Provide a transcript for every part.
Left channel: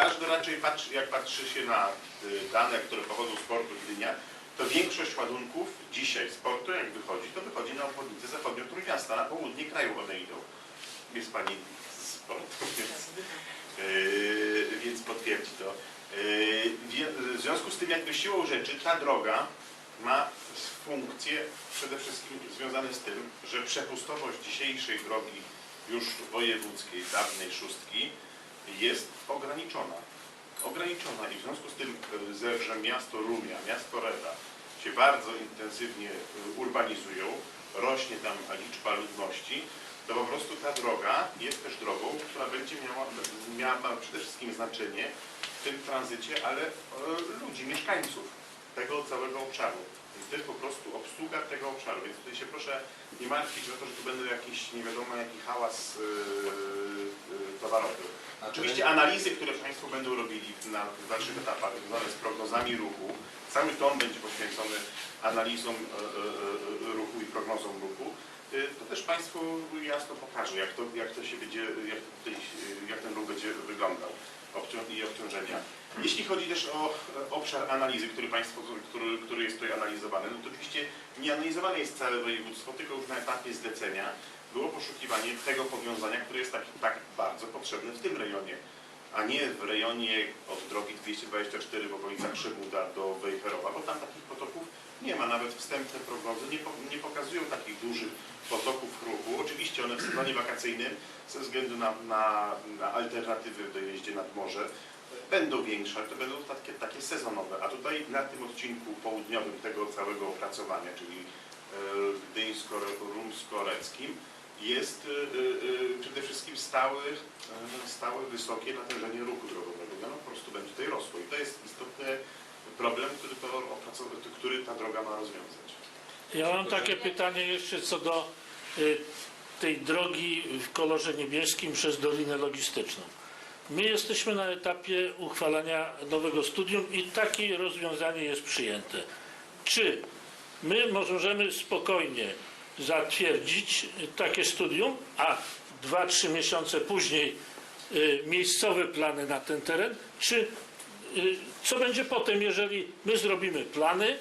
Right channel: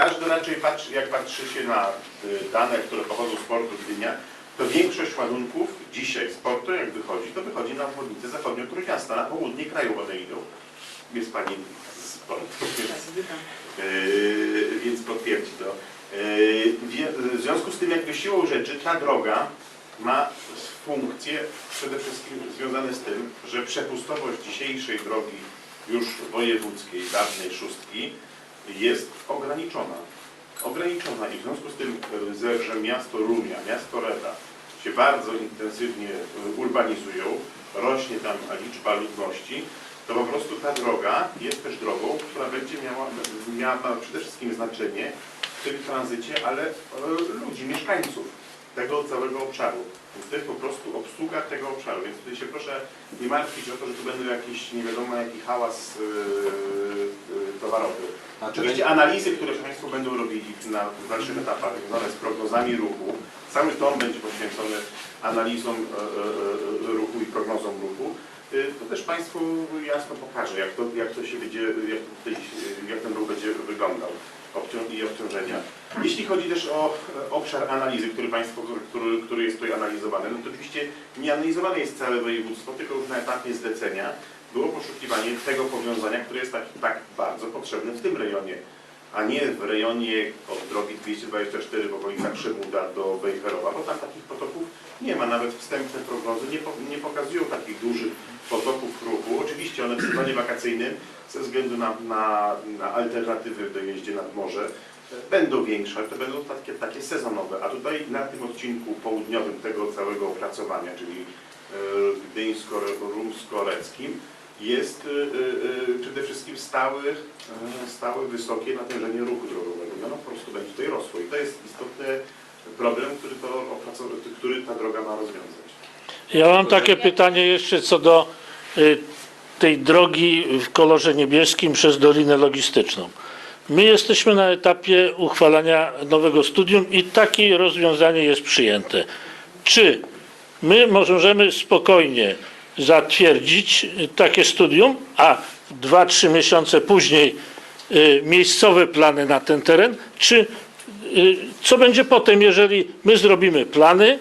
Każdy raczej patrzy, jak patrzy się na y, dane, które pochodzą z portu Gdynia, to większość ładunków dzisiaj z portu, jak wychodzi, to wychodzi na obwodnicę zachodnią Trójmiasta, na południe kraju one idą. Jest pani z portu, więc, yy, więc potwierdzi to. Yy, w związku z tym, jakby siłą rzeczy, ta droga ma funkcje przede wszystkim związane z tym, że przepustowość dzisiejszej drogi już wojewódzkiej, dawnej szóstki, jest ograniczona. Ograniczona i w związku z tym, y, że miasto Rumia, miasto Reda się bardzo intensywnie y, urbanizują, rośnie tam liczba ludności, to po prostu ta droga jest też drogą, która będzie miała, miała przede wszystkim znaczenie w tym tranzycie, ale y, ludzi, mieszkańców tego całego obszaru. Więc to jest po prostu obsługa tego obszaru. Więc tutaj się proszę nie martwić o to, że tu będą jakiś nie wiadomo jaki hałas yy, yy, towarowy. A czy Oczywiście analizy, które Państwo będą robili na dalszych etapach związane z prognozami ruchu, cały tom będzie poświęcony analizom e, ruchu i prognozom ruchu, y, to też Państwu jasno pokażę, jak to, jak to się będzie, jak, jak ten ruch będzie wyglądał obcią- i obciążenia. Jeśli chodzi też o e, obszar analizy, który Państwo, który, który jest tutaj analizowany, no to oczywiście nie analizowane jest całe województwo, tylko już na etapie zlecenia było poszukiwanie tego powiązania, które jest tak, tak bardzo potrzebne w tym rejonie, a nie w rejonie od drogi 224 w okolicach Szymuda do Wejherowa, bo tam takich potoków nie ma. Nawet wstępne prognozy nie, nie pokazują takich dużych potoków ruchu. Oczywiście one w sezonie wakacyjnym ze względu na, na, na alternatywy w dojeździe nad morze będą większe, ale to będą takie, takie sezonowe. A tutaj na tym odcinku południowym tego całego opracowania, czyli e, gdyńsko-rumsko-reckim, jest e, e, przede wszystkim stały, e, stałe wysokie natężenie ruchu drogowego. No, po prostu będzie tutaj rosło i to jest istotny problem, który, to który ta droga ma rozwiązać. Ja mam takie pytanie jeszcze co do tej drogi w kolorze niebieskim przez Dolinę Logistyczną. My jesteśmy na etapie uchwalania nowego studium i takie rozwiązanie jest przyjęte. Czy my możemy spokojnie zatwierdzić takie studium, a 2-3 miesiące później y, miejscowe plany na ten teren, czy y, co będzie potem, jeżeli my zrobimy plany,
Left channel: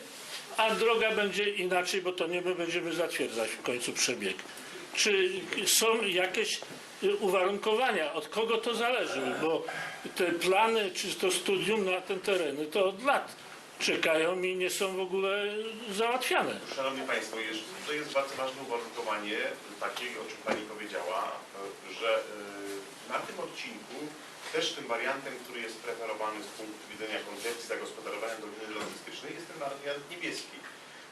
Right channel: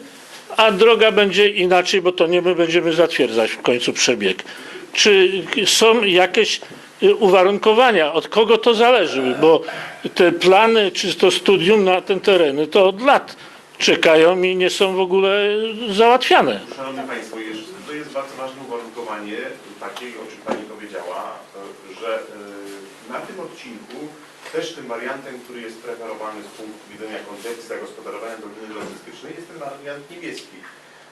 a droga będzie inaczej, bo to nie my będziemy zatwierdzać w końcu przebieg. Czy są jakieś uwarunkowania, od kogo to zależy? Bo te plany, czy to studium na ten tereny, to od lat czekają i nie są w ogóle załatwiane. Szanowni Państwo, to jest bardzo ważne uwarunkowanie, takie, o czym Pani powiedziała, że e, na tym odcinku też tym wariantem, który jest preferowany z punktu widzenia koncepcji zagospodarowania doliny logistycznej jest ten wariant niebieski.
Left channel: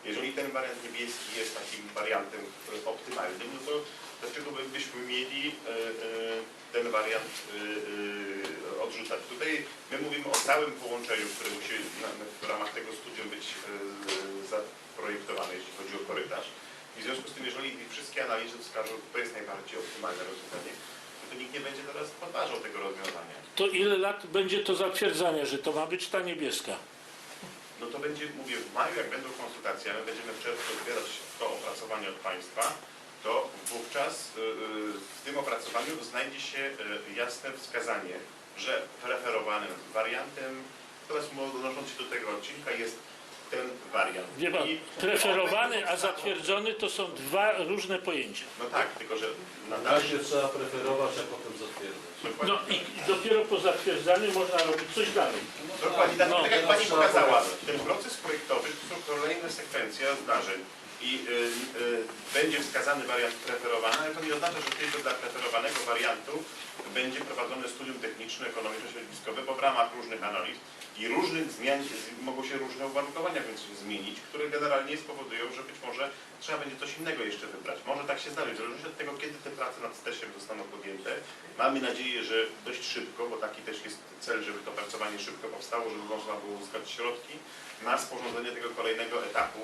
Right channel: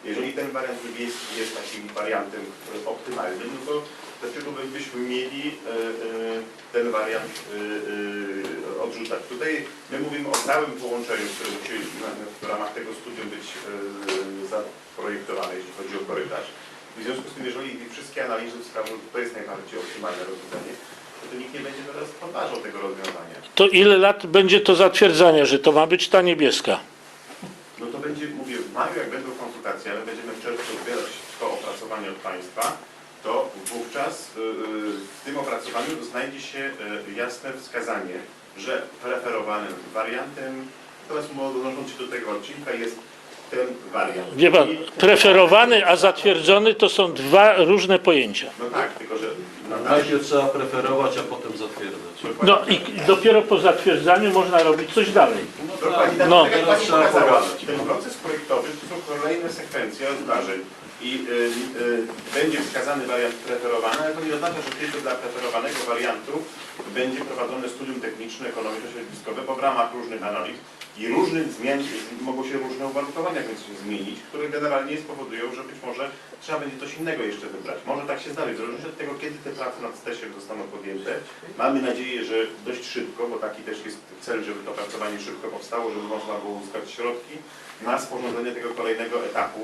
Jeżeli ten wariant niebieski jest takim wariantem optymalnym, no to dlaczego byśmy mieli e, e, ten wariant e, odrzucać? Tutaj my mówimy o całym połączeniu, które musi w ramach tego studium być zaprojektowane, jeśli chodzi o korytarz. W związku z tym, jeżeli wszystkie analizy wskażą, że to jest najbardziej optymalne rozwiązanie, to, nikt nie będzie teraz podważał tego rozwiązania. To ile lat będzie to zatwierdzanie, że to ma być ta niebieska? No to będzie, mówię, w maju jak będą konsultacje, ale będziemy w czerwcu odbierać to opracowanie od Państwa, to wówczas y, y, w tym opracowaniu znajdzie się y, jasne wskazanie, że preferowanym wariantem, teraz odnosząc się do tego odcinka, jest ten wariant. Wie pan, preferowany, a zatwierdzony to są dwa różne pojęcia. No tak, tylko że na Najpierw trzeba preferować, a potem zatwierdzać. No i dopiero po zatwierdzaniu można robić coś dalej. Tak, No. tak pogadać. ten proces projektowy to są kolejne sekwencje zdarzeń i y, y, będzie wskazany wariant preferowany, ale to nie oznacza, że tylko dla preferowanego wariantu będzie prowadzone studium techniczne, ekonomiczno-środowiskowe, bo w ramach różnych analiz i różnych zmian mogą się różne uwarunkowania więc się zmienić, które generalnie spowodują, że być może trzeba będzie coś innego jeszcze wybrać. Może tak się zdarzyć, w zależności od tego, kiedy te prace nad stesiem zostaną podjęte. Mamy nadzieję, że dość szybko, bo taki też jest cel, żeby to pracowanie szybko powstało, żeby można było uzyskać środki na sporządzenie tego kolejnego etapu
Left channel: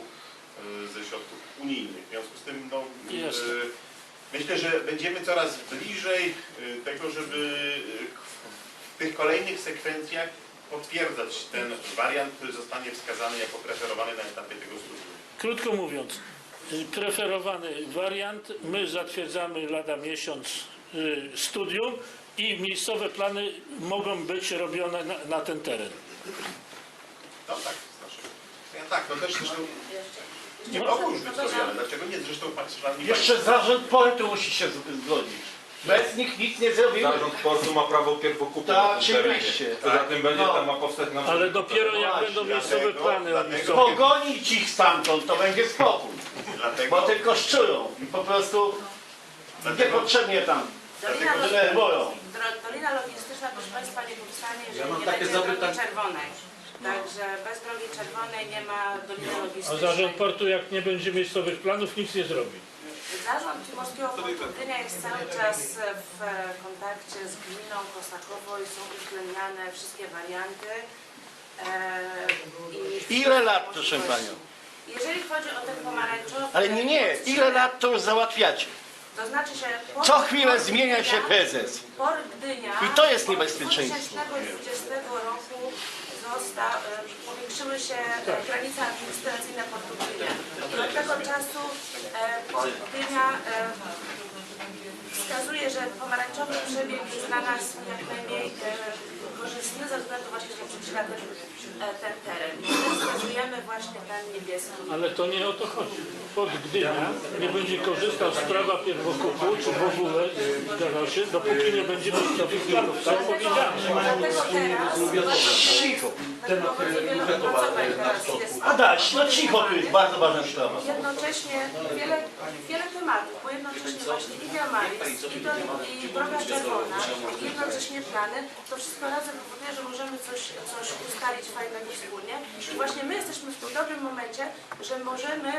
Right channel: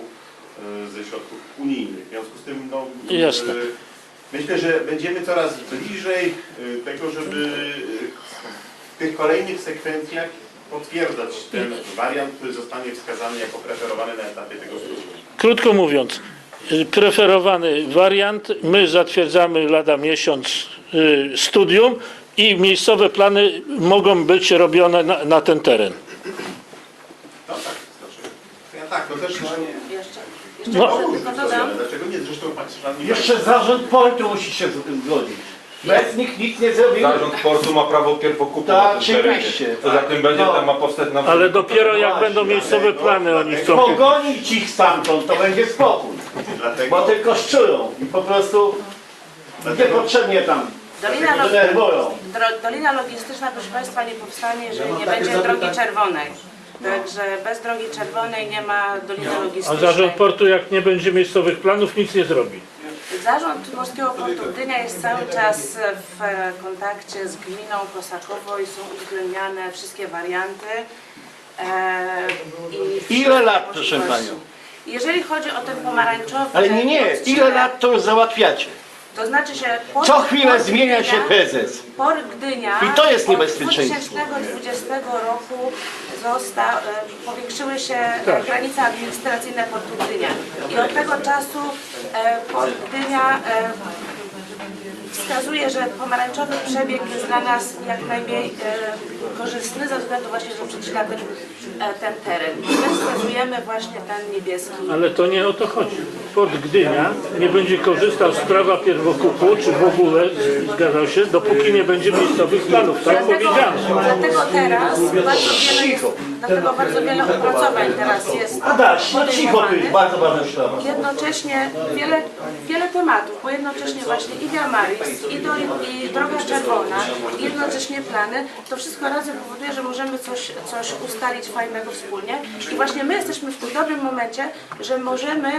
ze środków unijnych. W związku z tym, no, y, Jasne. myślę, że będziemy coraz bliżej y, tego, żeby w tych kolejnych sekwencjach potwierdzać ten wariant, który zostanie wskazany jako preferowany na etapie tego studium. Krótko mówiąc, preferowany wariant, my zatwierdzamy lada miesiąc studium i miejscowe plany mogą być robione na, na ten teren. No tak, znaczy. Ja tak, to też Jeszcze, jeszcze No. Dlaczego nie? Zresztą radni- Jeszcze zarząd portu musi się z tym zgodzić. Bez nich nic nie zrobił. Zarząd portu ma prawo pierwokupu Tak, na tym terenie. oczywiście. Poza tym będzie No. tam ma powstać na Ale dopiero jak właśnie, będą miejscowe plany, oni chcą... Pogonić ich stamtąd, to będzie spokój. Dlatego, Bo tylko szczują i po prostu niepotrzebnie tam Dolina, Log- denerwują. dro- Dolina Logistyczna, proszę Państwa, nie powstanie, jeżeli nie będzie drogi czerwonej. Także bez drogi czerwonej nie ma Doliny A Logistycznej. zarząd portu jak nie będzie miejscowych planów nic nie zrobi. Zarząd Morskiego Portu Gdynia jest cały czas w kontakcie z gminą Kosakowo i są uwzględniane wszystkie warianty. E, i Ile lat, proszę możliwości. panią? Jeżeli chodzi o ten pomarańczowy... Ale nie, nie, ile lat to już załatwiacie? To znaczy się... port- Co chwilę port zmienia się Gdynia- prezes. Port Gdynia I to jest od niebezpieczeństwo. 2020 roku e, powiększyły się Tak. granice administracyjne Portu Gdynia. I od tego czasu e, Port Gdynia e, wskazuje, że pomarańczowy przebieg jest dla nas jak najmniej korzystny ze względu właśnie, że przeczyna ten, ten teren. I my wskazujemy właśnie ten niebieski. Ale to nie o to chodzi. Port Gdynia nie będzie korzystał z prawa pierwokupu, czy w ogóle zgadzał się, dopóki nie będzie miejscowych planów. Tak Dlatego, powiedziano. dlatego teraz bardzo wiele, jest, dlatego bardzo wiele opracowań teraz jest Adaś, no cicho, to jest bardzo ważna sprawa. Jednocześnie wiele, wiele tematów, bo jednocześnie właśnie i Via Maris, i, do, i Droga Czerwona, i jednocześnie plany, to wszystko razem powoduje, że możemy coś, coś ustalić fajnego wspólnie. I właśnie my jesteśmy w tym dobrym momencie, że możemy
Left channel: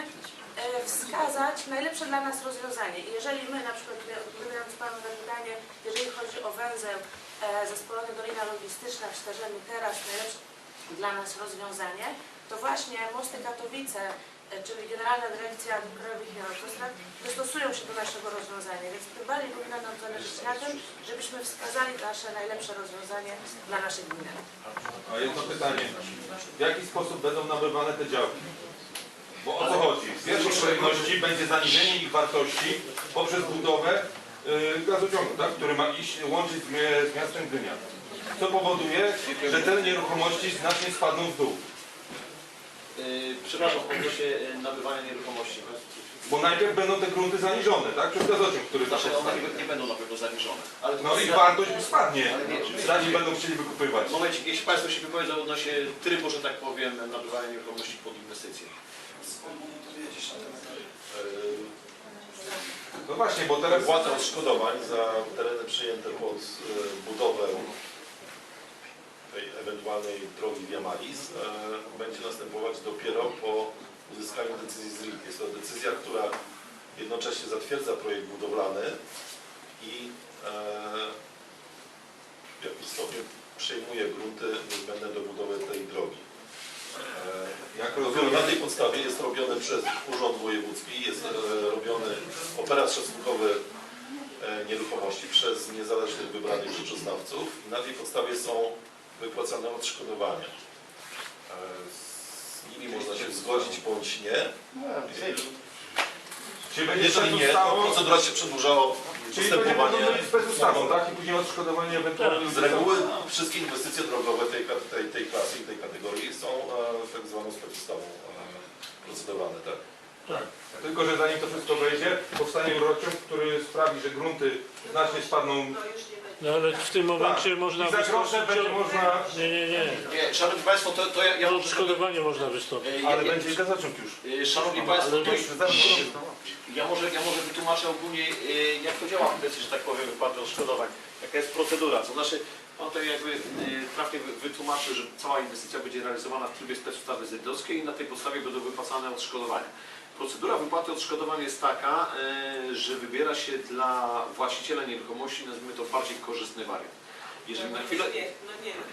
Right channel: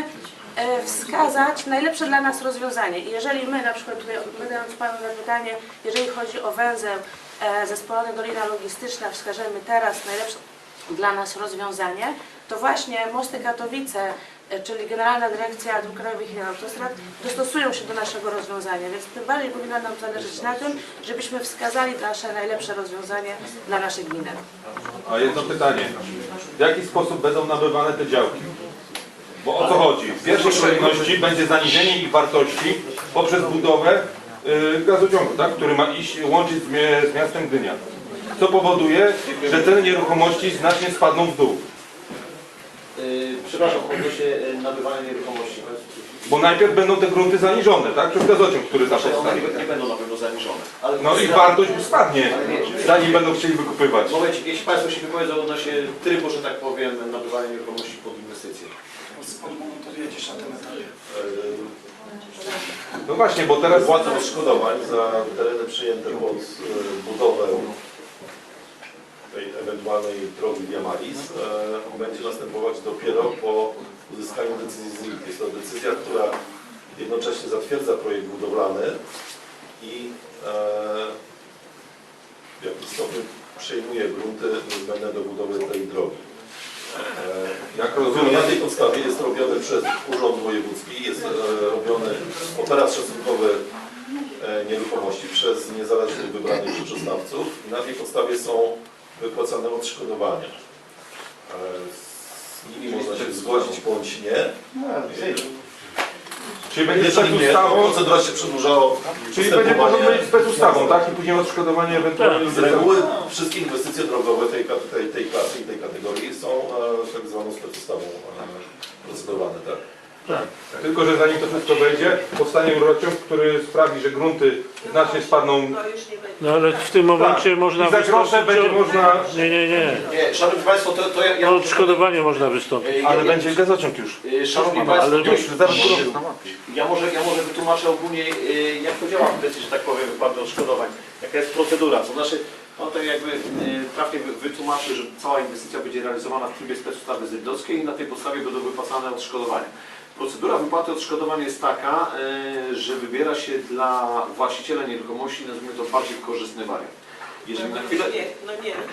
e, wskazać najlepsze dla nas rozwiązanie. I jeżeli my, na przykład tutaj odpowiadając Panu na pytanie, jeżeli chodzi o węzeł e, zespolony Dolina Logistyczna, wskażemy teraz najlepsze dla nas rozwiązanie, to właśnie Mosty Katowice, czyli Generalna Dyrekcja Dróg Krajowych i Autostrad dostosują się do naszego rozwiązania, więc tym bardziej powinno nam zależeć na tym, żebyśmy wskazali nasze najlepsze rozwiązanie dla naszej gminy. A jedno pytanie. W jaki sposób będą nabywane te działki? Bo o co chodzi? W pierwszej kolejności będzie zaniżenie ich wartości poprzez budowę y, gazociągu, tak? który ma iść łączyć z, miastem Gdynia. Co powoduje, że ceny nieruchomości znacznie spadną w dół. Yy, Przepraszam, odnośnie yy, nabywania nieruchomości. Bo najpierw będą te grunty zaniżone, tak? Przez gazociąg, który tam Znaczy, one nie, nie będą na pewno zaniżone. Ale No i wartość spadnie, zanim będą chcieli wykupywać. W momencie, jeśli Państwo się wypowiedzą odnośnie trybu, że tak powiem, nabywania nieruchomości pod inwestycje. No właśnie, bo teraz Wypłata odszkodowań za tereny przyjęte pod e, budowę tej ewentualnej drogi Via e, będzie następować dopiero po uzyskaniu decyzji z RIT. Jest to decyzja, która jednocześnie zatwierdza projekt budowlany i e, w jakimś stopniu przejmuje grunty niezbędne do budowy tej drogi. E, jak Rozumiem, na tej podstawie jest robiony przez Urząd Wojewódzki, jest robiony operat szacunkowy nieruchomości przez niezależnych wybranych rzeczoznawców i na tej podstawie są wypłacane odszkodowania. E, Z nimi można się zgodzić bądź nie. czyli będzie Jeżeli przed nie, to ustawą, procedura się przedłużała. czyli będzie można być spec ustawą, tak? I później odszkodowanie ewentualnie Z reguły wszystkie inwestycje drogowe tej, tej, tej klasy i tej kategorii są e, tak zwaną specustawą e, procedowane, tak? Tylko, że zanim to wszystko wejdzie, powstanie rurociąg, który sprawi, że grunty znacznie spadną. No ale w tym momencie można I za grosze wystąpić będzie o... można... Nie, nie, nie. Nie, Szanowni Państwo, to, to ja... ja O odszkodowanie można wystąpić. Yy, Ale ja- będzie gazociąg już. Yy, Szanowni Państwo, ale to- już zaraz ja może, ja może wytłumaczę ogólnie, jak to działa w kwestii, że tak powiem, wypłaty odszkodowań. Jaka jest procedura. To znaczy, on to jakby trafnie wy- wytłumaczył, że cała inwestycja będzie realizowana w trybie specustawy zydlowskiej i na tej podstawie będą wypłacane odszkodowania. Procedura wypłaty odszkodowań jest taka, yy, że wybiera się dla właściciela nieruchomości, nazwijmy to bardziej korzystny wariant. Jeżeli na chwilę,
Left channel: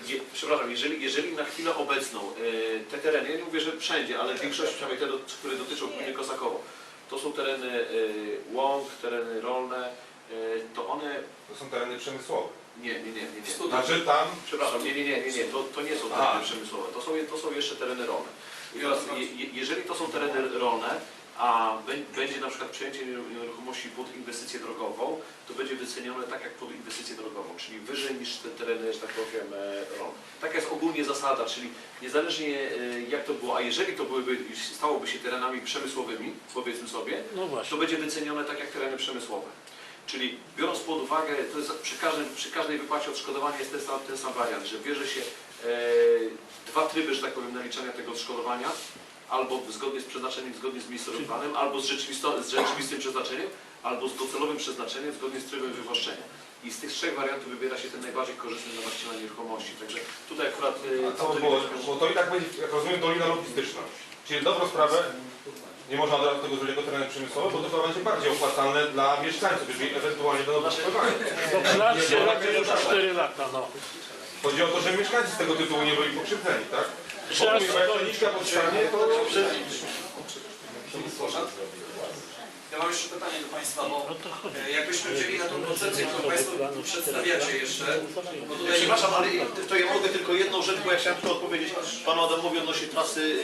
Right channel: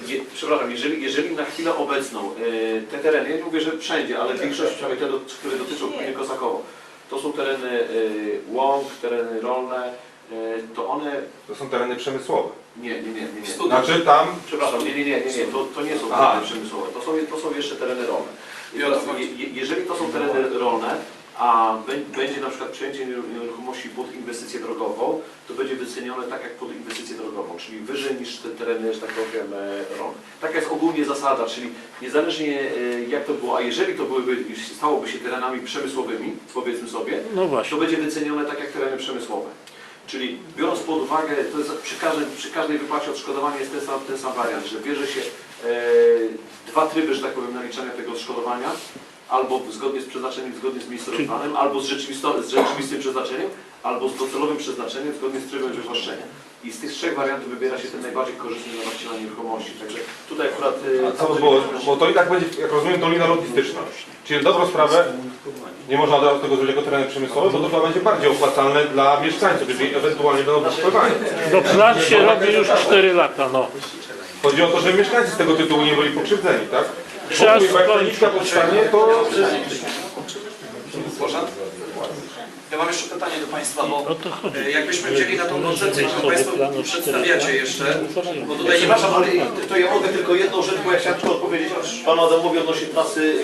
Je, przepraszam, jeżeli, jeżeli na chwilę obecną e, te tereny, ja nie mówię, że wszędzie, ale większość, przynajmniej te, które dotyczą gminy Kosakowo, to są tereny e, łąk, tereny rolne, e, to one, To są tereny przemysłowe. nie, nie, nie, nie, nie. Znaczy tam Przepraszam, nie, nie, nie, nie, nie. To, to nie są tereny przemysłowe, to są, to są jeszcze tereny rolne. Je, je- jeżeli to są tereny rolne, a bę- będzie na przykład przejęcie nieruchomości pod inwestycję drogową, to będzie wycenione tak jak pod inwestycję drogową, czyli wyżej niż te tereny, że tak powiem, e, RON. Taka jest ogólnie zasada, czyli niezależnie e, jak to było, a jeżeli to byłyby, stałoby się terenami przemysłowymi, powiedzmy sobie, No to będzie wycenione tak jak tereny przemysłowe. Czyli biorąc pod uwagę, to jest przy każdej, przy każdej wypłacie odszkodowania jest ten sam, ten sam wariant, że bierze się dwa tryby, że tak powiem, naliczania tego odszkodowania, albo zgodnie z przeznaczeniem, zgodnie z miejscowym planem, albo z, rzeczywisto, z rzeczywistym przeznaczeniem, albo z docelowym przeznaczeniem, zgodnie z trybem wywłaszczenia. I z tych trzech wariantów wybiera się ten najbardziej korzystny dla właściciela nieruchomości. Także tutaj akurat... e, A co było, bo to i tak będzie, jak rozumiem, dolina logistyczna. Czyli dobrą sprawę nie można od razu tego zrobić jako tereny przemysłowe, bo to chyba będzie bardziej opłacalne dla mieszkańców, jeżeli ewentualnie będą wyspływań. No plan się robi już 4 lata, no. Chodzi o to, żeby mieszkańcy z tego tytułu nie byli pokrzywdzeni, tak? Bo jak ta nitka powstanie, to Proszę. Ja mam jeszcze pytanie do Państwa, bo O to chodzi. e, jakbyśmy wzięli na tą koncepcję, którą Państwo przedstawiacie jeszcze, bo tutaj nie Przepraszam, ale to ja mogę tylko jedną rzecz, bo ja chciałem tylko odpowiedzieć Panu Adamowi odnośnie trasy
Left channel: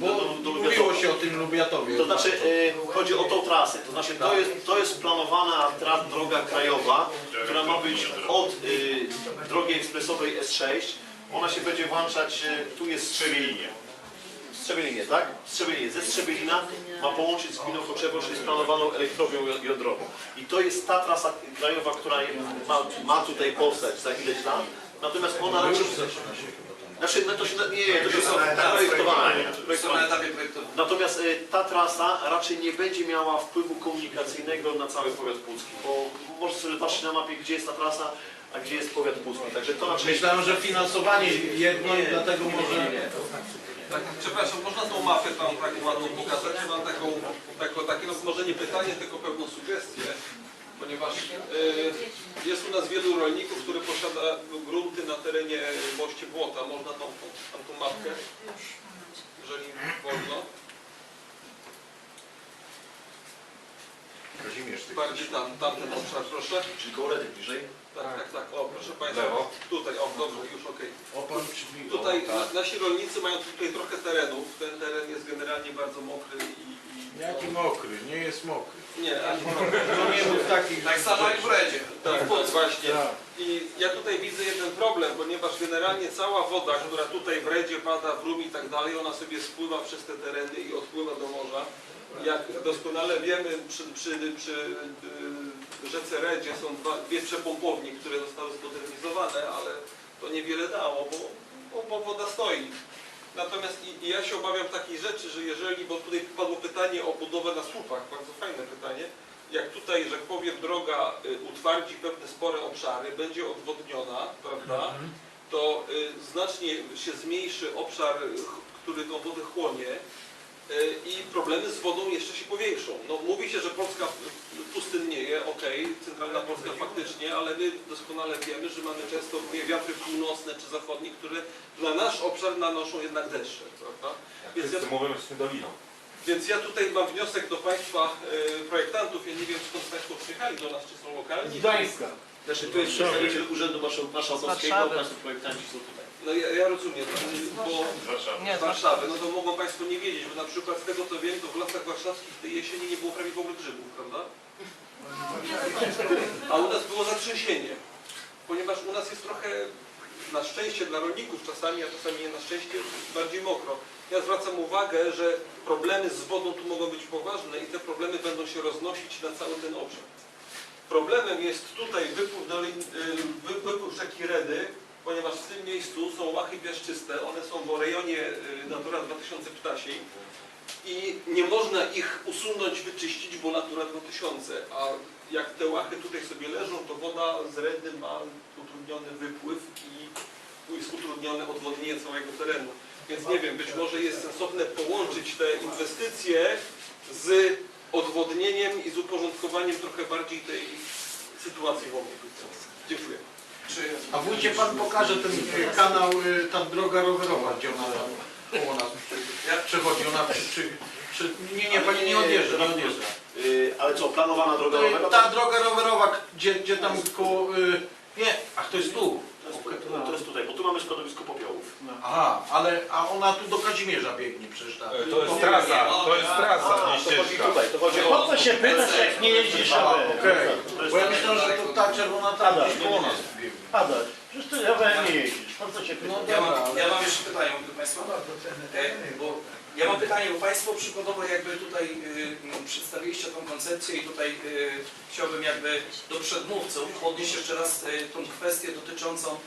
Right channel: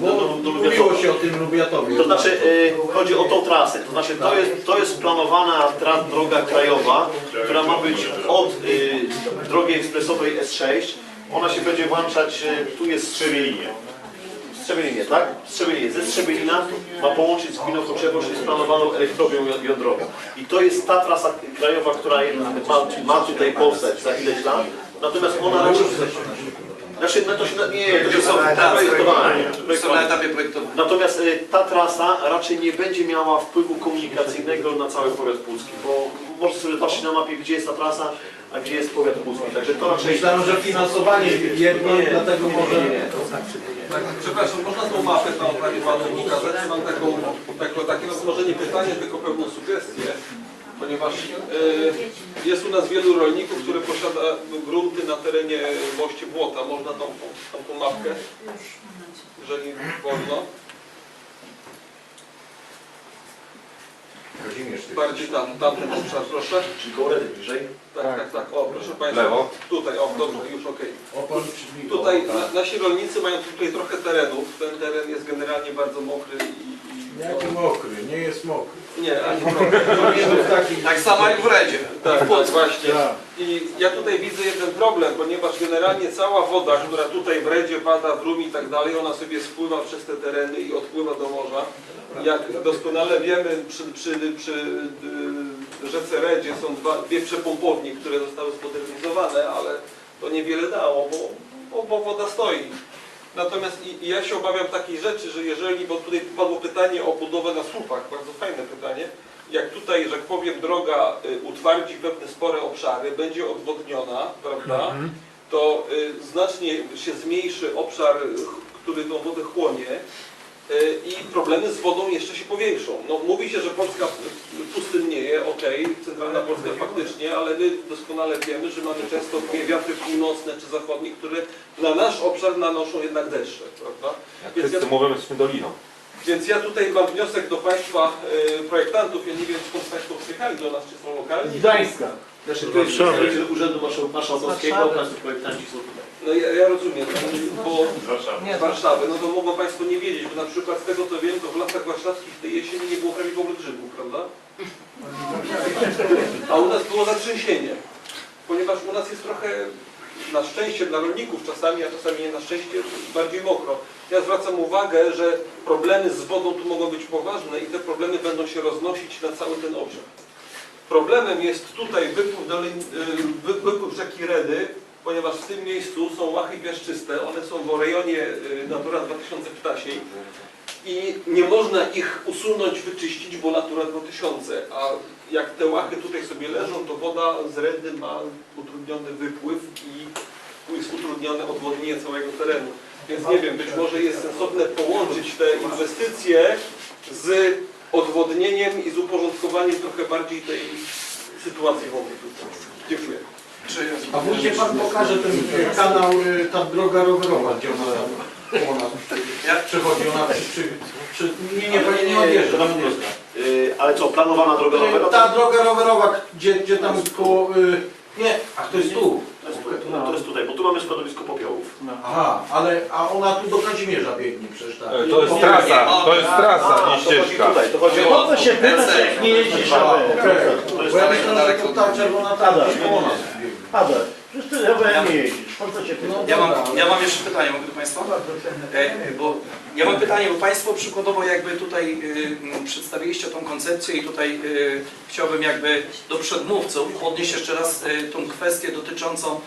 do, do, do Lubiatowa. się o tym Lubiatowie. To znaczy, yy, chodzi o tą trasę. To znaczy, to jest, to jest planowana tra, droga krajowa, która ma być od drogi ekspresowej S6. Ona się będzie włączać, tu jest Strzemielinie. Strzemielinie, tak? Strzemielinie. Ze Strzemielina ma połączyć z Gminą Choczewo, czyli z planowaną elektrownią ją- jądrową. I to jest ta trasa krajowa, która ma, ma tutaj powstać za ileś lat. Natomiast ona raczej... Znaczy, no to się, nie, to się są projektowane. są na etapie projektowym. Natomiast y, ta trasa raczej nie będzie miała wpływu komunikacyjnego na cały powiat pucki, bo można sobie patrzeć na mapie, gdzie jest ta trasa, a gdzie jest powiat pucki. Także to raczej... Myślałem, że finansowanie jedno, Nie, dlatego może... nie, nie. Tak, przepraszam, można tą mapę tam Pani Panu pokazać? Mam taką, taką, takie no, może nie pytanie, tylko pewną sugestię, ponieważ e, jest u nas wielu rolników, które posiada grunty na terenie moście Błota. Można tą, tą, tą mapkę, jeżeli wolno. Bardziej tam, tamten obszar, proszę. Czyli koło Redy bliżej. Tak, tak, tak. O, proszę Państwa. Lewo. Tutaj, o, dobrze, już okej. Tutaj na, nasi rolnicy mają tutaj trochę terenów. Ten teren jest generalnie bardzo mokry i... i Jaki mokry, nie jest mokry. nie, ani. To nie jest taki... Tak samo jak w Redzie. Tak, tak, właśnie. I ja tutaj widzę jeden problem, ponieważ generalnie cała woda, która tutaj w Redzie pada, w Rumi i tak dalej, ona sobie spływa przez te tereny i odpływa do morza. Jak doskonale wiemy, przy, przy, przy y, rzece Redzie są dwa, dwie przepompownie, które zostały zmodernizowane, ale to niewiele dało, bo, bo, bo woda stoi. Natomiast i, i ja się obawiam takiej rzeczy, że jeżeli, bo tutaj padło pytanie o budowę na słupach, bardzo fajne pytanie, jak tutaj, że powiem, droga y, utwardzi pewne spore obszary, będzie odwodniona, prawda, to y, znacznie się zmniejszy obszar, który tą wodę chłonie i problemy z wodą jeszcze się powiększą. No, mówi się, że Polska pustynnieje, okej, centralna Polska faktycznie, ale my doskonale wiemy, że mamy często wiatry północne czy zachodnie, które na nasz obszar nanoszą jednak deszcze, prawda? jak Więc ja- mówią, jesteśmy doliną. Więc ja tutaj mam wniosek do Państwa e, projektantów. Ja nie wiem, skąd Państwo przyjechali do nas, czy są lokalni. Gdańska. Znaczy, tu jest Urzędu Marszał- Marszałkowskiego, Państwo projektanci są tutaj. No ja, ja rozumiem, bo z Warszawy, no to mogą Państwo nie wiedzieć, bo na przykład z tego co wiem, to w lasach warszawskich tej jesieni nie było prawie w ogóle grzybów, prawda? A u nas było zatrzęsienie, ponieważ u nas jest trochę, na szczęście dla rolników czasami, a czasami nie na szczęście, bardziej mokro. Ja zwracam uwagę, że problemy z wodą tu mogą być poważne i te problemy będą się roznosić na cały ten obszar. Problemem jest tutaj wypływ, dolin, y, wy- wypływ rzeki Redy, ponieważ w tym miejscu są łachy piaszczyste, one są w rejonie y, Natura 2000 ptasiej i nie można ich usunąć, wyczyścić, bo Natura 2000, a jak te łachy tutaj sobie leżą, to woda z Redy ma utrudniony wypływ i jest utrudnione odwodnienie całego terenu. Więc nie wiem, być może jest sensowne połączyć te inwestycje z odwodnieniem i z uporządkowaniem trochę bardziej tej sytuacji wodnej. Dziękuję. A wójcie pan pokaże ten kanał, y, ta droga rowerowa, gdzie ona tam koło nas przechodzi, ona przy, przy, przy, nie, nie, pani nie odjeżdża, nie odjeżdża. Yy, ale co, planowana droga rowerowa? Ta droga rowerowa, gdzie, gdzie tam koło, y, Nie, a to jest tu. To jest, tu, to jest tutaj, bo tu mamy składowisko popiołów. Aha, ale a ona tu do Kazimierza biegnie przecież tak. E, To jest trasa, to jest trasa, nie to chodzi ścieżka. tutaj, to chodzi o... to się pytasz, jak nie jeździsz, Okej, To jest bo ja myślałem, że to ta czerwona tarcza jest koło nas Paweł, przecież ty chyba nie jeździsz, po co cię pytasz? No Ja mam, ja mam jeszcze pytanie, mogę do Państwa? E, bo ja mam pytanie, bo Państwo przykładowo jakby tutaj y, przedstawiliście tą koncepcję i tutaj y, chciałbym jakby do przedmówców podnieść jeszcze raz y, tą kwestię dotyczącą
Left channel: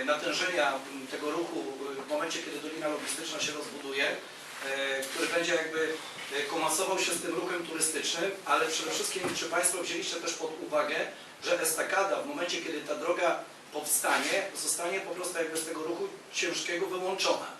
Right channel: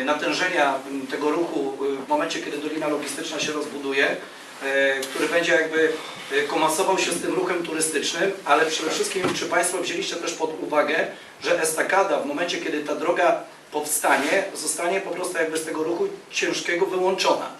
y, natężenia tego ruchu y, w momencie, kiedy Dolina Logistyczna się rozbuduje, y, który będzie jakby y, komasował się z tym ruchem turystycznym, ale przede wszystkim czy Państwo wzięliście też pod uwagę, że estakada w momencie, kiedy ta droga powstanie, zostanie po prostu jakby z tego ruchu ciężkiego wyłączona.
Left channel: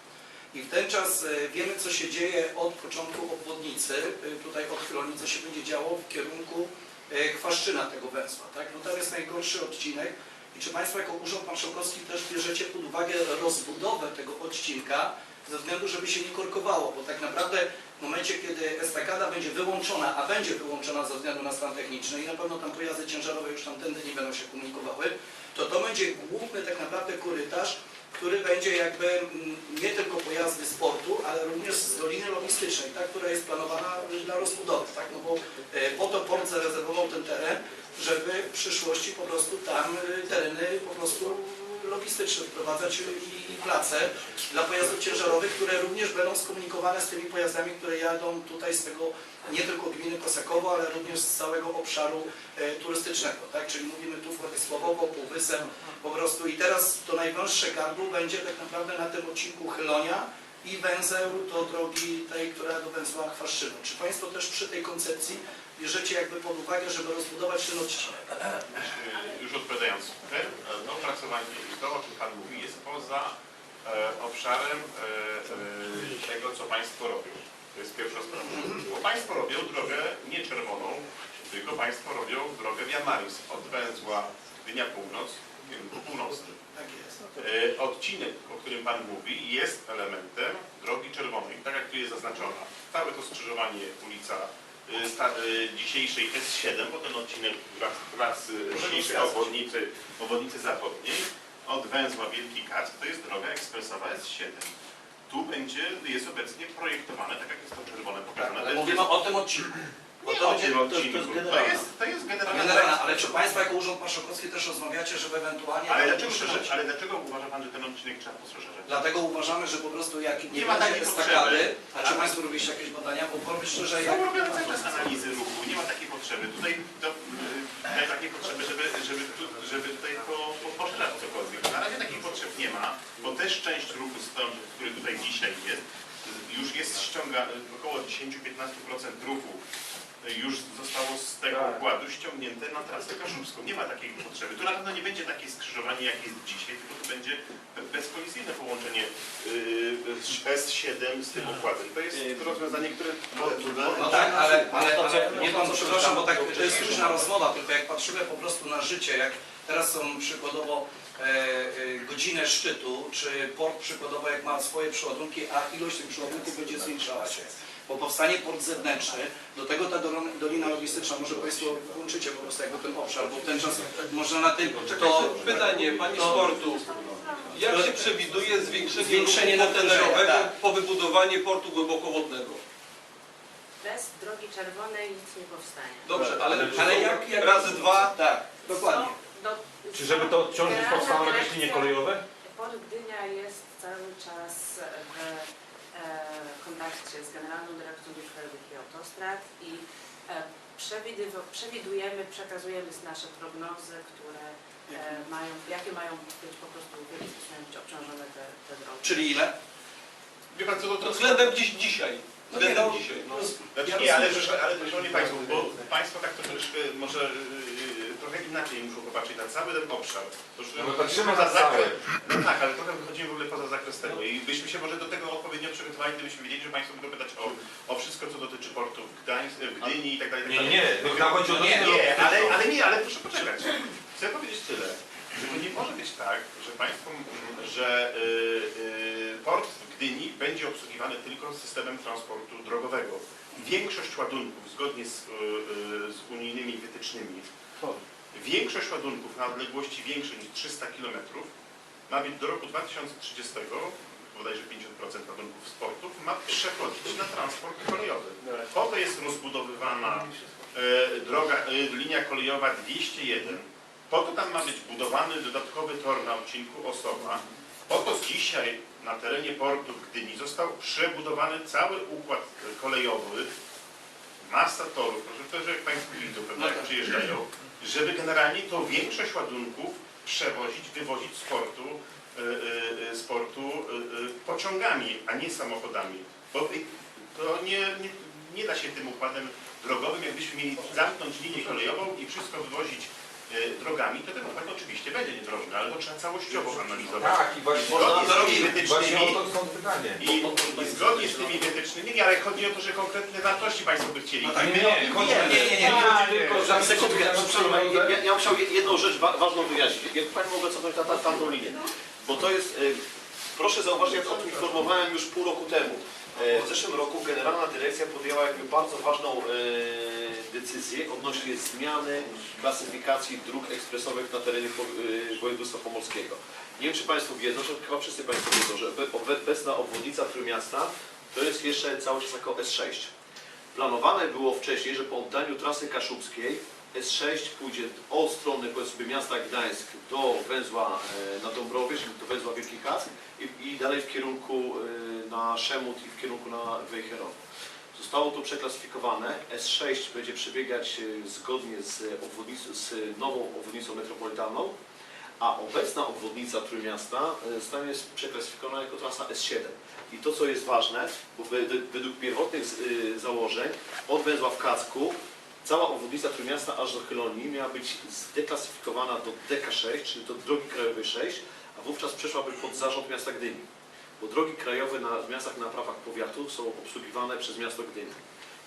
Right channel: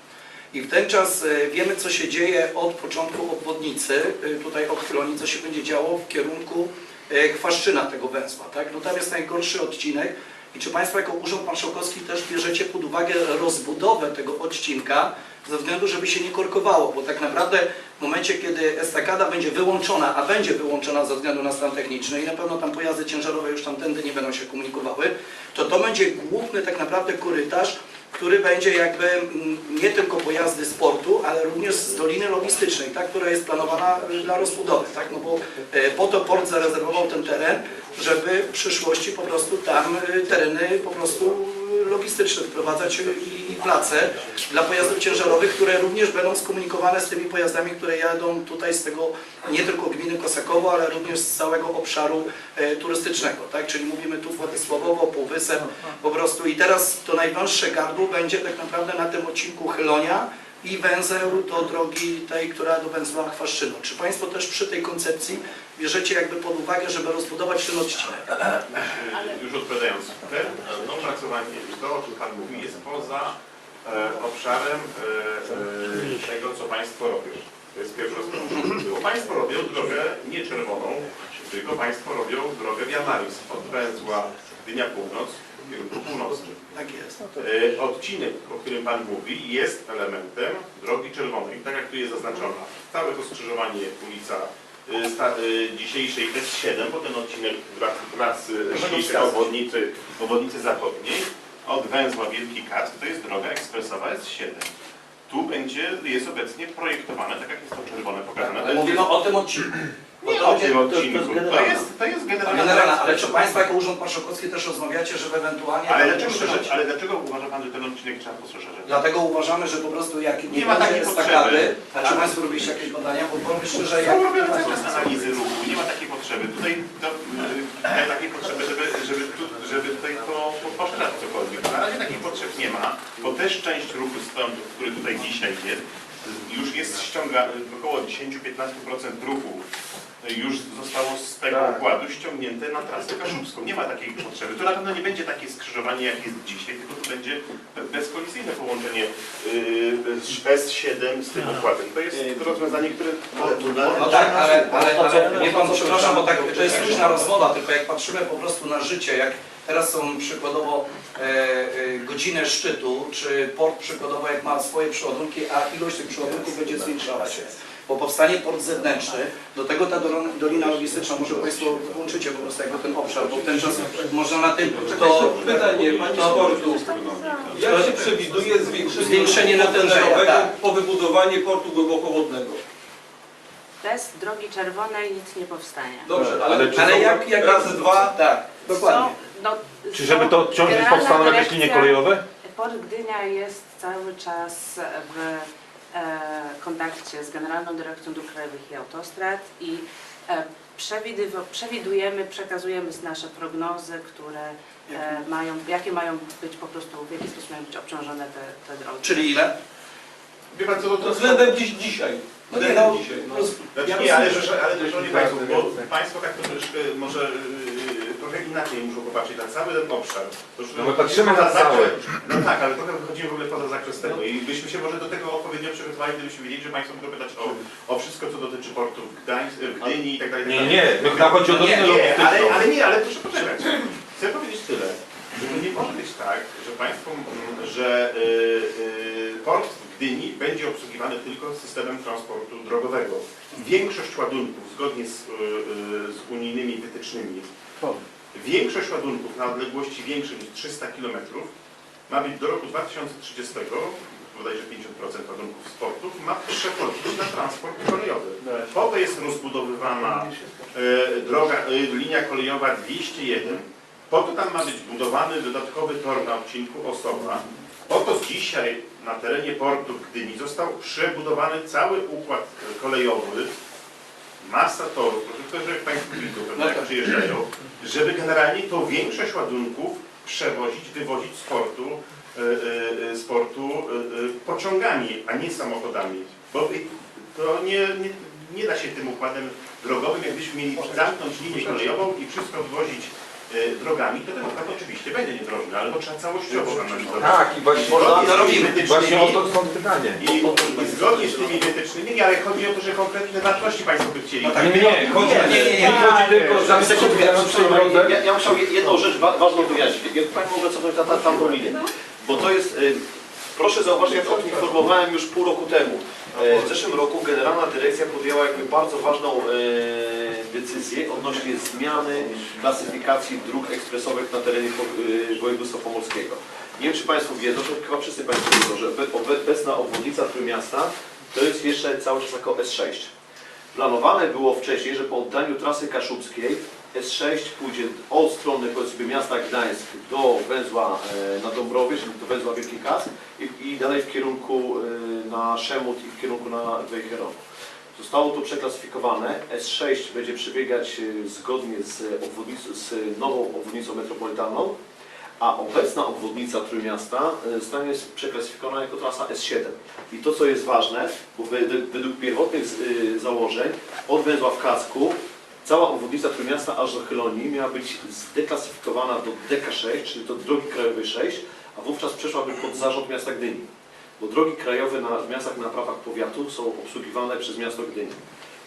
I w ten czas e, wiemy, co się dzieje od początku obwodnicy, e, tutaj od Chyloni, co się będzie działo w kierunku e, Chwaszczyna tego węzła. Tak? No tam jest najgorszy odcinek. I czy Państwo jako Urząd Marszałkowski też bierzecie pod uwagę rozbudowę tego odcinka, ze względu, żeby się nie korkowało, bo tak naprawdę w momencie, kiedy estakada będzie wyłączona, a będzie wyłączona ze względu na stan techniczny i na pewno tam pojazdy ciężarowe już tamtędy nie będą się komunikowały, to to będzie główny tak naprawdę korytarz, który będzie jakby mm, nie tylko pojazdy sportu, ale również z doliny logistycznej, tak, która jest planowana y, dla rozbudowy, tak, no bo e, po to port zarezerwował ten teren, żeby w przyszłości po prostu tam y, tereny po prostu logistyczne wprowadzać i, place dla pojazdów ciężarowych, które również będą skomunikowane z tymi pojazdami, które jadą tutaj z tego nie tylko gminy Kosakowo, ale również z całego obszaru e, turystycznego, tak? Czyli mówimy tu Władysławowo, Półwysep, po prostu i teraz to najwęższe gardło będzie tak naprawdę na tym odcinku Chylonia i węzeł do drogi tej, która do węzła Chwaszczynu. Czy Państwo też przy tej koncepcji bierzecie jakby pod uwagę, żeby rozbudować ten odcinek? Już odpowiadając, ten, to opracowanie, to o czym Pan mówi, jest poza e, obszarem e, e, tego, co Państwo robią. To jest pierwsza sprawa. Bo Państwo robią drogę nie czerwoną, tylko Państwo robią drogę Wiamaris od węzła Gdynia Północ w kierunku północnym. Tak jest. E, Odcinek, o którym Pan mówi, jest elementem drogi czerwonej. Tak jak tu jest zaznaczona, całe to skrzyżowanie ulica e, e, dzisiejszej S7, bo ten odcinek wraz, wraz dzisiejszej obwodnicy, obwodnicy zachodniej od węzła Wielki Kac, to jest droga ekspresowa S7. Tu będzie, jest obecnie projektowane, tak jak jest to czerwone pokazane. Ale mówimy o tym odcinku. Nie to to- to jest. To generalna. jest, to jest generalna Generalna, ale czy Państwo jako Urząd Marszałkowski też rozmawiacie, żeby ewentualnie... ale dlaczego, poszerzyć? ale dlaczego uważa Pan, że ten odcinek trzeba poszerzać? Dlatego uważamy, że po prostu jak nie, Nie ma takiej potrzeby. a czy Państwo robiliście jakieś badania, bo powiem szczerze, jak... Są robione cały czas analizy ruchu, nie ma takiej potrzeby. Tutaj to, y, takiej potrzeby, żeby, żeby, tu, żeby tutaj to po- poszerzać cokolwiek. Na razie takiej potrzeb nie ma, bo też część ruchu stąd, który tutaj dzisiaj jest, już jest ściąga około 10-15% ruchu już zostało z tego układu ściągnięte na trasę kaszubską. Nie ma takiej potrzeby. Tu na pewno nie będzie takie skrzyżowanie jak jest dzisiaj, tylko tu będzie bezkolizyjne połączenie y, z S7 z tym układem. To jest rozwiązanie, które No tak, ale, ale, ale nie Pan, przepraszam, bo tak, to jest luźna rozmowa, tylko jak patrzymy po prostu na życie, jak teraz są przykładowo e, e, godziny szczytu, czy port przykładowo jak ma swoje przeładunki, a ilość tych przeładunków będzie zwiększała się. Bo powstanie port zewnętrzny, do tego ta dolina- logistyczna, może Państwo włączycie po prostu jakby ten obszar, bo w ten czas można na tym, to Pytanie Pani To- Sportu. Jak się przewiduje zwiększenie, Zwiększenie natężenia, tak. po wybudowaniu portu głębokowodnego? Bez drogi czerwonej nic nie powstanie. Dobrze, Ale ale, ale jak, jak razy dwa? tak, dokładnie. No, Czy są żeby to odciążyć generalna powstaną jakieś dyrekcja- linie kolejowe? Port Gdynia jest cały czas w e, kontakcie z Generalną Dyrekcją Dróg Krajowych i Autostrad i e, przewidywa- przewidujemy, przekazujemy z nasze prognozy, które e, mają, jakie mają być po prostu, w jaki sposób mają być obciążone te, te drogi. Czyli ile? Wie pan co, to, względem dziś, dzisiaj. No nie, Względem no, dzisiaj. No. roz- Znaczy ja nie, ale, rozumiem, że, ale szanowni Państwo, bo Państwo tak troszeczkę może yy, trochę inaczej muszą popatrzeć na cały ten obszar. To już No my patrzymy na cały. No tak, ale trochę wychodzimy w ogóle poza zakres tego i byśmy się może do tego odpowiednio przygotowali, gdybyśmy wiedzieli, że Państwo będą pytać o, o wszystko, co dotyczy portu w, Gdańsk, w Gdyni i tak dalej. i tak Nie, dalej. nie, nam chodzi o Nie, dolinę Nie, ale, logistyczną. ale nie, ale proszę poczekać. Chcę powiedzieć tyle, że to nie może być tak, że państwo, że y, y, port w Gdyni będzie obsługiwany tylko systemem transportu drogowego. Większość ładunków, zgodnie z, y, y, z unijnymi wytycznymi, większość ładunków na odległości większe niż 300 km ma być do roku 2030, bodajże 50% ładunków sportów, ma przechodzić na transport kolejowy. Po to jest rozbudowywana e, droga, e, linia kolejowa 201. Po to tam ma być budowany dodatkowy tor na odcinku Osowa. Po to dzisiaj na terenie portu w Gdyni został przebudowany cały układ kolejowy, masa torów, proszę powiedzieć, jak Państwo widzą, pewnie jak przyjeżdżają, żeby generalnie to większość ładunków przewozić, wywozić z portu, e, e, e, z portu pociągami, a nie samochodami. Bo to nie, nie, nie da się tym układem drogowym, jakbyśmy mieli zamknąć linię kolejową i wszystko wywozić drogami, to ten układ oczywiście będzie niedrożny, ale to trzeba całościowo analizować. Tak, i właśnie, Zgodnie z to tymi robimy. wytycznymi- właśnie o to stąd pytanie. i, I zgodnie z tymi wytycznymi, ale chodzi o to, że konkretne wartości Państwo by chcieli. No tak. Nie, nie, nie, chodzi, Nie, nie, nie, nie. nie chodzi tylko, pani, przykład ja, ja bym chciał jedną rzecz wa ważną wyjaśnić. Jak Pani mogę cofnąć na tam- tamtą linię. Bo to jest, y, proszę zauważyć, jak o tym informowałem już pół roku temu. E, W zeszłym roku Generalna Dyrekcja podjęła jakby bardzo ważną e, decyzję odnośnie zmiany klasyfikacji dróg ekspresowych na terenie y, województwa pomorskiego. Nie wiem, czy Państwo wiedzą, że chyba wszyscy Państwo wiedzą, że obe- obecna obwodnica Trójmiasta to jest jeszcze cały czas jako S6. Planowane było wcześniej, że po oddaniu trasy kaszubskiej S6 pójdzie od strony powiedzmy miasta Gdańsk do węzła e, na Dąbrowie, czyli do węzła Wielki Kas i, i dalej w kierunku e, na Szemut i w kierunku na Wejherowo. Zostało to przeklasyfikowane. S6 będzie przebiegać e, zgodnie z, z nową obwodnicą metropolitalną, a obecna obwodnica Trójmiasta zostanie przeklasyfikowana jako trasa S7. I to, co jest ważne, bo według, pierwotnych założeń od węzła w Kacku cała obwodnica Trójmiasta aż do Chylonii miała być zdeklasyfikowana do DK6, czyli do drogi krajowej 6, a wówczas przeszłaby pod zarząd miasta Gdyni. Bo drogi krajowe na, w miastach na prawach powiatu są obsługiwane przez miasto Gdyni.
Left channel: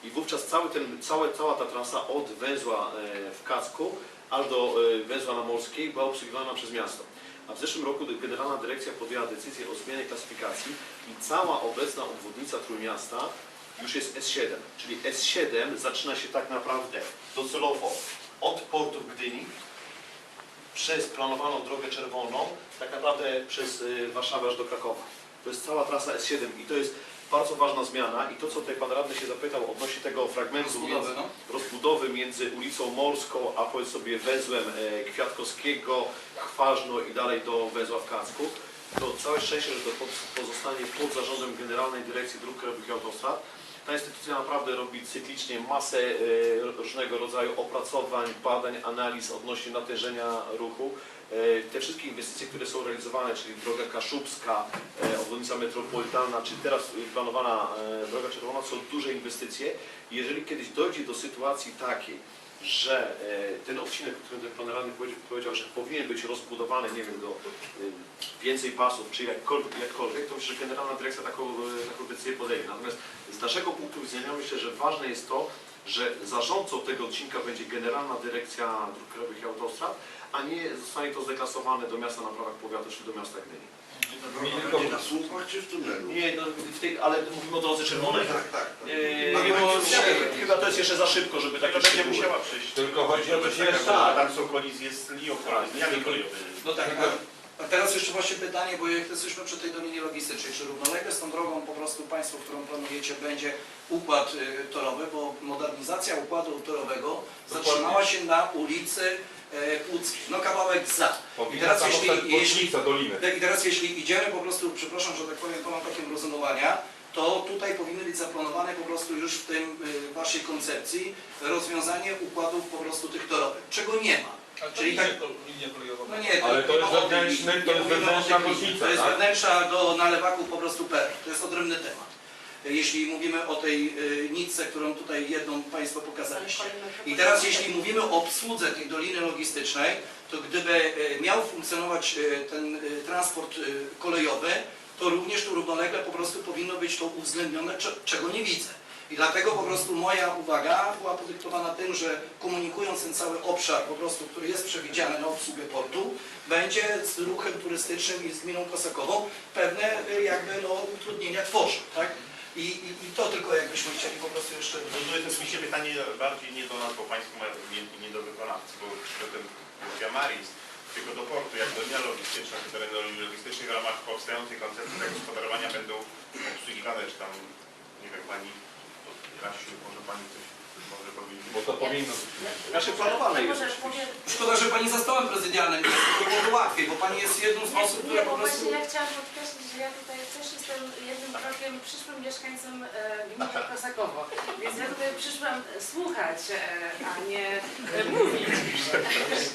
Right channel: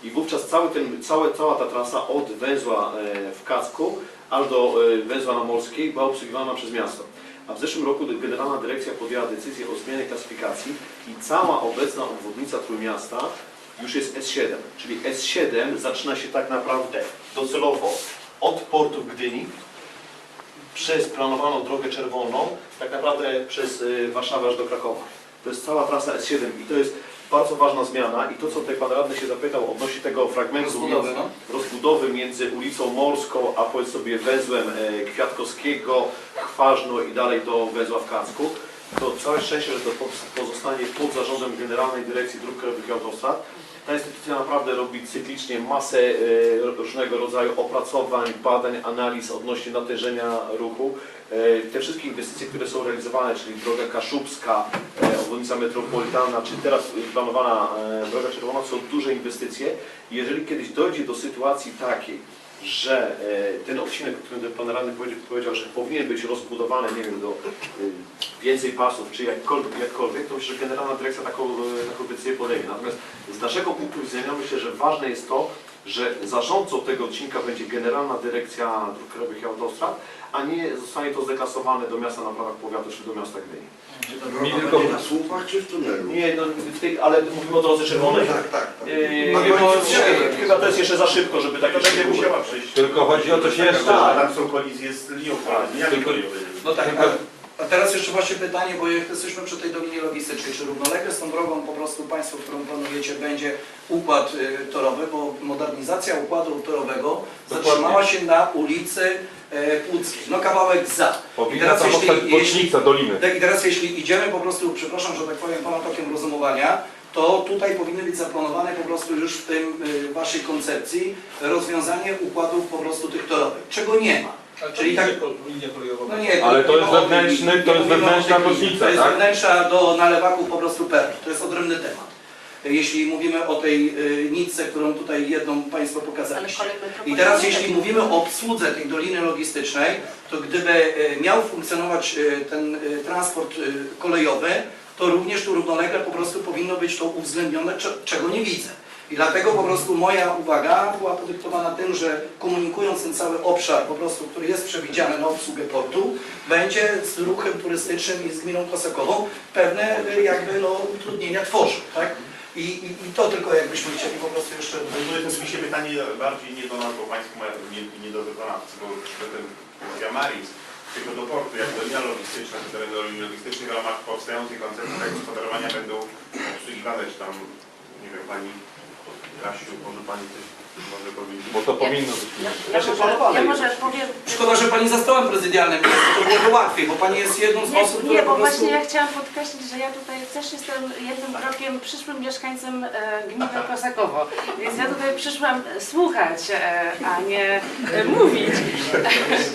I wówczas cały ten, całe, cała ta trasa od węzła e, w Kacku aż do e, węzła na Morskiej była obsługiwana przez miasto. A w zeszłym roku Generalna Dyrekcja podjęła decyzję o zmianie klasyfikacji i cała obecna obwodnica Trójmiasta już jest S7. Czyli S7 zaczyna się tak naprawdę docelowo od portu w Gdyni przez planowaną drogę czerwoną, tak naprawdę przez y, Warszawę aż do Krakowa. To jest cała trasa S7 i to jest bardzo ważna zmiana i to, co tutaj Pan Radny się zapytał odnośnie tego fragmentu Rozbudowy, między, no. rozbudowy między ulicą Morską, a powiedz sobie węzłem e, Kwiatkowskiego, Chwarzno i dalej do węzła w Kacku, to całe szczęście, że to pozostanie pod zarządem Generalnej Dyrekcji Dróg Krajowych i Autostrad. Ta instytucja naprawdę robi cyklicznie masę e, różnego rodzaju opracowań, badań, analiz odnośnie natężenia ruchu. E, Te wszystkie inwestycje, które są realizowane, czyli droga Kaszubska, e, obwodnica metropolitalna, czy teraz planowana droga czerwona, są duże inwestycje. Jeżeli kiedyś dojdzie do sytuacji takiej, że e, ten odcinek, o którym pan radny powiedział, że powinien być rozbudowany, nie wiem, do e, więcej pasów, czy jakkolwiek, jakkolwiek, to myślę, że Generalna Dyrekcja taką, e, taką decyzję podejmie. Natomiast z naszego punktu widzenia myślę, że ważne jest to, że zarządcą tego odcinka będzie Generalna Dyrekcja Dróg Krajowych i Autostrad, a nie zostanie to zdeklasowane do miasta na prawach powiatu czy do miasta Gdyni. Mi tylko Na słupach czy w tunelu? Nie, no, w tej, ale mówimy o drodze czerwonej. Tak, tak. tak. Yy, chyba to jest jeszcze za szybko, żeby To takie będzie musiała przejść. Tylko chodzi o coś jeszcze. Tam są kolizje z linią kolejową, liniami Tylko-. No tak, a, a teraz jeszcze właśnie pytanie, bo jak jesteśmy przy tej dolinie logistycznej, czy równolegle z tą drogą po prostu Państwo, którą planujecie, będzie układ y, torowy, bo modernizacja układu torowego Dokładnie. zatrzymała się na ulicy e, Łódzkiej, no kawałek za. I teraz jeśli, jeśli, doliny. tak, I teraz jeśli idziemy po prostu, przepraszam, że tak powiem, Pana tokiem rozumowania, to tutaj powinny być zaplanowane po prostu już w tym y, Waszej koncepcji rozwiązanie układów po prostu tych torowych, czego nie ma. Czyli tak, linia kolejowa. no nie, Ale to nie jest wewnętrzny- to nie jest mówimy o tej wewnętrzna bocznica, To jest tak? wewnętrzna do nalewaków po prostu perł. To jest odrębny temat. Jeśli mówimy o tej y, nitce, którą tutaj jedną Państwo pokazaliście. I teraz jeśli mówimy o obsłudze tej doliny logistycznej, to gdyby e, miał funkcjonować e, ten e, transport kolejowy, to również tu równolegle po prostu powinno być to uwzględnione, cze- czego nie widzę. I dlatego po prostu moja uwaga była podyktowana tym, że komunikując ten cały obszar po prostu, który jest przewidziany na obsługę portu, będzie z ruchem turystycznym i z gminą Kosakową pewne e, jakby no, utrudnienia tworzył. Tak? I, i, I to tylko jakbyśmy chcieli po prostu jeszcze... To jest oczywiście pytanie bardziej nie do nas, bo Państwo mają nie, nie do wykonawcy, bo ten Diamaris tylko do portu, jak linia logistyczna, czy tereny logistycznych w ramach powstającej koncepcji tak gospodarowania będą obsługiwane, czy tam, nie wiem, Pani Kasiu, może Pani coś może powiedzieć? Bo to powinno być. Ja, Znaczy, może, planowane ja jest. może powiem... Szkoda, że Pani za stołem prezydialnym jest, to byłoby łatwiej, bo Pani jest jedną z osób, Nie, które nie, po bo prostu... właśnie ja chciałam podkreślić, że ja tutaj też jestem jednym krokiem przyszłym mieszkańcem e, gminy Kosakowo, więc ja tutaj przyszłam słuchać, e, a nie e, mówić.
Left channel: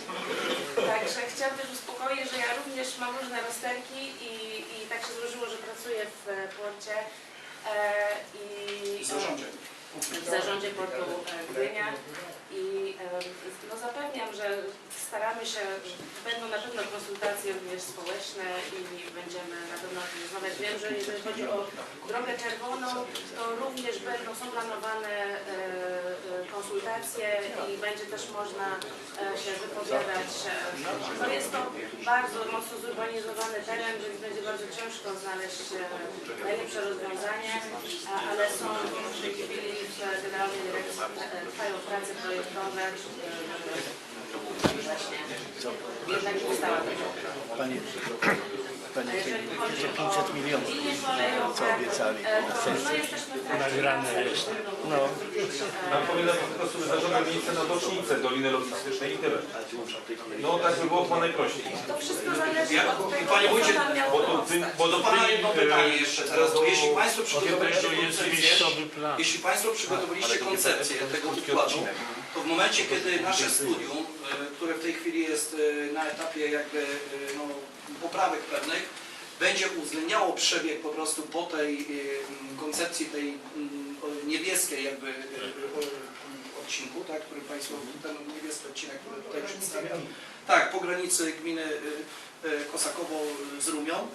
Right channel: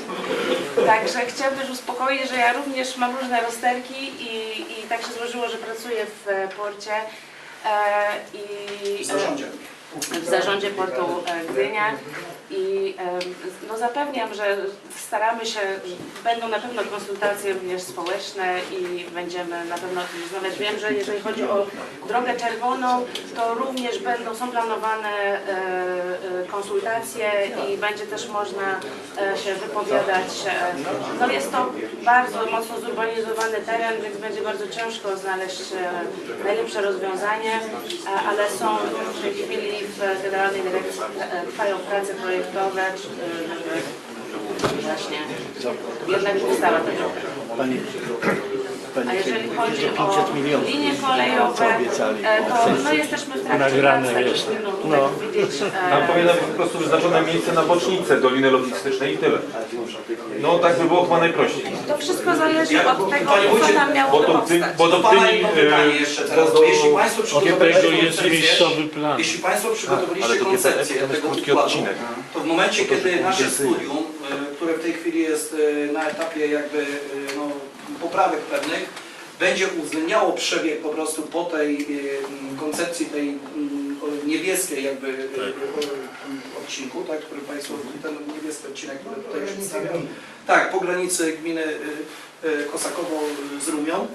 Także chciałam też uspokoić, że ja również mam różne rozterki i, i tak się złożyło, że pracuję w e, porcie e, i W zarządzie. W zarządzie portu e, Gdynia i no zapewniam, że staramy się, będą na pewno konsultacje również społeczne i będziemy na pewno rozmawiać. Wiem, że jeżeli chodzi o drogę czerwoną, to również będą, są planowane e, e, konsultacje i będzie też można się wypowiadać. No jest to bardzo mocno zurbanizowany teren, więc będzie bardzo ciężko znaleźć najlepsze rozwiązanie, ale są w tej chwili w Generalnej Dyrekcji e, trwają prace projektowe, e, właśnie jednak ustawa będzie. Panie, A panie jeżeli Kierowniku, chodzi że o 500 milionów linie co kolejowe, obiecali. e, to no, jesteśmy w trakcie Nagrane jest. No. e, Tam powinno być po prostu wyznaczone miejsce na bocznicę Doliny Logistycznej i tyle. No tak by było chyba najprościej. To wszystko zależy od tego, Panie co Wójcie, tam miało Bo to w tym, powstać. bo Do to w Pana jedno pytanie e, jeszcze teraz, do- bo jeśli Państwo przygotowaliście jest koncepcję, miejscowy plan. jeśli Państwo przygotowaliście nie koncepcję tak, jest tego układu, to w momencie, kiedy nasze studium, e, które w tej chwili jest e, na etapie jakby e, no, poprawek pewnych, będzie uwzględniało przebieg po prostu po tej e, m, koncepcji tej m, o niebieskiej jakby e, o- odcinku, tak, który Państwo, ten niebieski odcinek, który tutaj przedstawiam, tak, po granicy gminy Kosakowo z Rumią,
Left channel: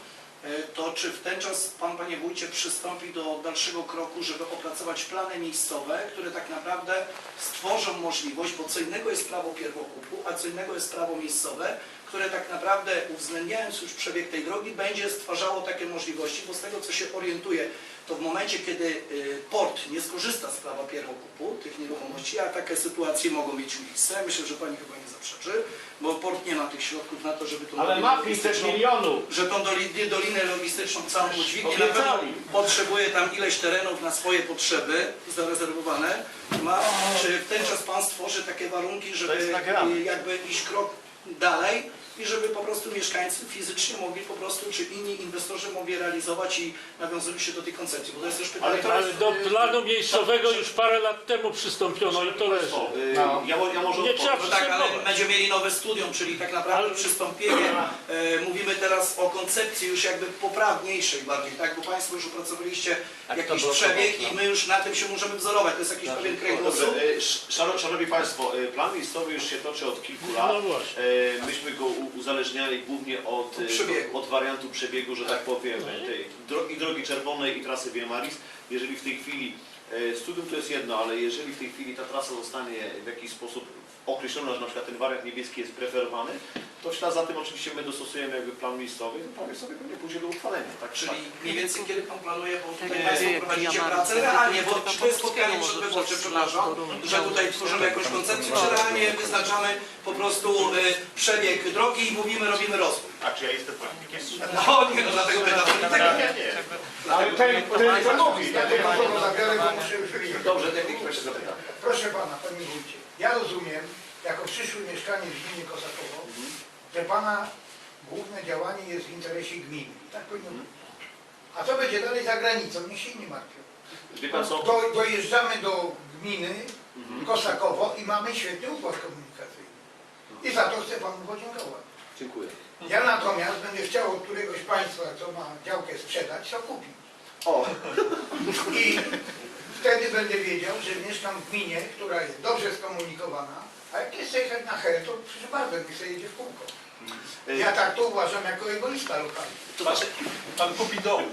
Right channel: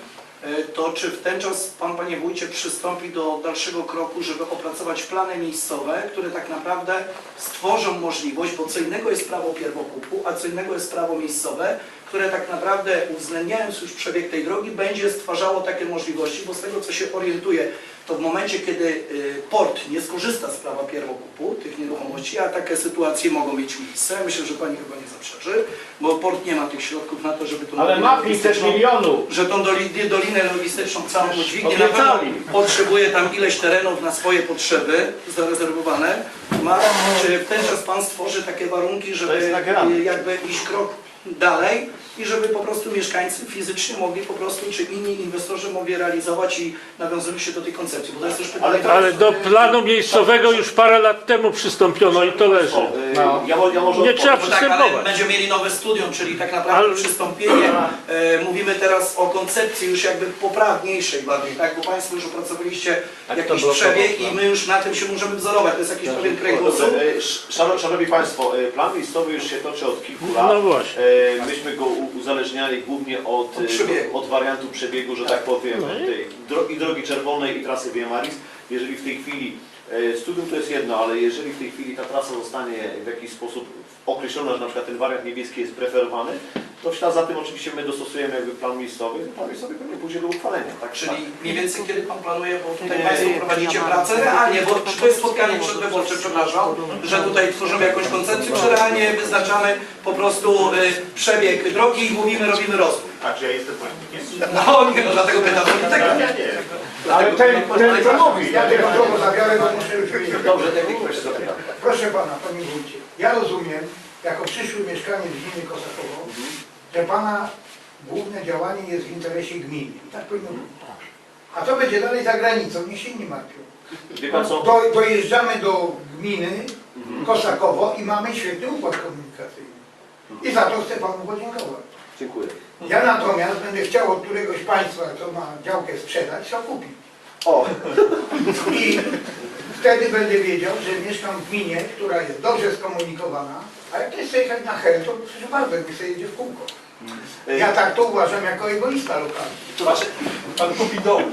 to czy w ten czas Pan, Panie Wójcie, przystąpi do dalszego kroku, żeby opracować plany miejscowe, które tak naprawdę stworzą możliwość, bo co innego jest prawo pierwokupu, a co innego jest prawo miejscowe, które tak naprawdę uwzględniając już przebieg tej drogi, będzie stwarzało takie możliwości, bo z tego co się orientuję, to w momencie, kiedy y, port nie skorzysta z prawa pierwokupu tych nieruchomości, a takie sytuacje mogą mieć miejsce, myślę, że Pani chyba nie zaprzeczy, bo port nie ma tych środków na to, żeby tą Ale ma dolinę 500 logistyczną- milionów. że tą doli- dolinę logistyczną całą udźwignie na pewno potrzebuje tam ileś terenów na swoje potrzeby zarezerwowane. Ma, czy w ten czas Pan stworzy takie warunki, żeby y, jakby iść krok dalej i żeby po prostu mieszkańcy fizycznie mogli po prostu, czy inni inwestorzy mogli realizować i nawiązali się do tej koncepcji, bo to jest też pytanie. Ale do planu miejscowego już parę lat temu przystąpiono i to leży. No. Ja, mo- ja może Nie trzeba No tak, ale przystępować. będziemy mieli nowe studium, czyli tak naprawdę Ale- przystąpienie. E, mówimy teraz o koncepcji już jakby poprawniejszej bardziej, tak? Bo Państwo już opracowaliście jakiś przebieg i my już na tym się możemy wzorować. To jest jakiś pewien kręgosłup. Dobrze, e, sz- szano- Szanowni Państwo, e, plan miejscowy już się toczy od kilku lat. No właśnie. E, Myśmy go uzależniali głównie od, Od e, przebiegu. od wariantu przebiegu, że tak powiem, No i- tej drogi, drogi czerwonej i trasy Via Maris. Jeżeli w tej chwili, e, studium to jest jedno, ale jeżeli w tej chwili ta trasa zostanie w jakiś sposób określona, że na przykład ten wariant niebieski jest preferowany, to w ślad za tym oczywiście my dostosujemy jakby plan miejscowy, plan miejscowy pewnie pójdzie do uchwalenia. Tak, Czyli tak. mniej więcej kiedy Pan planuje, bo tutaj Nie, Państwo prowadzicie ja mam- pracę realnie, bo czy to jest spotkanie przedwyborcze, przepraszam, że tutaj tworzymy jakąś koncepcję, czy realnie wyznaczamy po prostu y, przebieg drogi i mówimy, robimy rozwój. A czy ja jestem politykiem? No nie, no dlatego pytam polityka. Ja nie. Ale ten, ten co mówi, ja tego słowo zabiorę, bo muszę już wyjechać. Dobrze, technik proszę zapytam. Proszę pana, panie wójcie, ja rozumiem, jako przyszły mieszkaniec gminy Kosakowo, że pana główne działanie jest w interesie gminy. I tak powinno być. A co będzie dalej za granicą, niech się nie martwią. Wie Pan co? Do, dojeżdżamy do gminy Kosakowo i mamy świetny układ komunikacyjny. I za to chcę panu podziękować. Dziękuję. Ja natomiast będę chciał od któregoś państwa, co ma działkę sprzedać, to kupić. O, I wtedy będę wiedział, że mieszkam w gminie, która jest dobrze skomunikowana, a jak jest jechać na Hel, to proszę bardzo, niech sobie jedzie w kółko. Ja tak to uważam jako egoista lokalny. to znaczy, Pan kupi dom.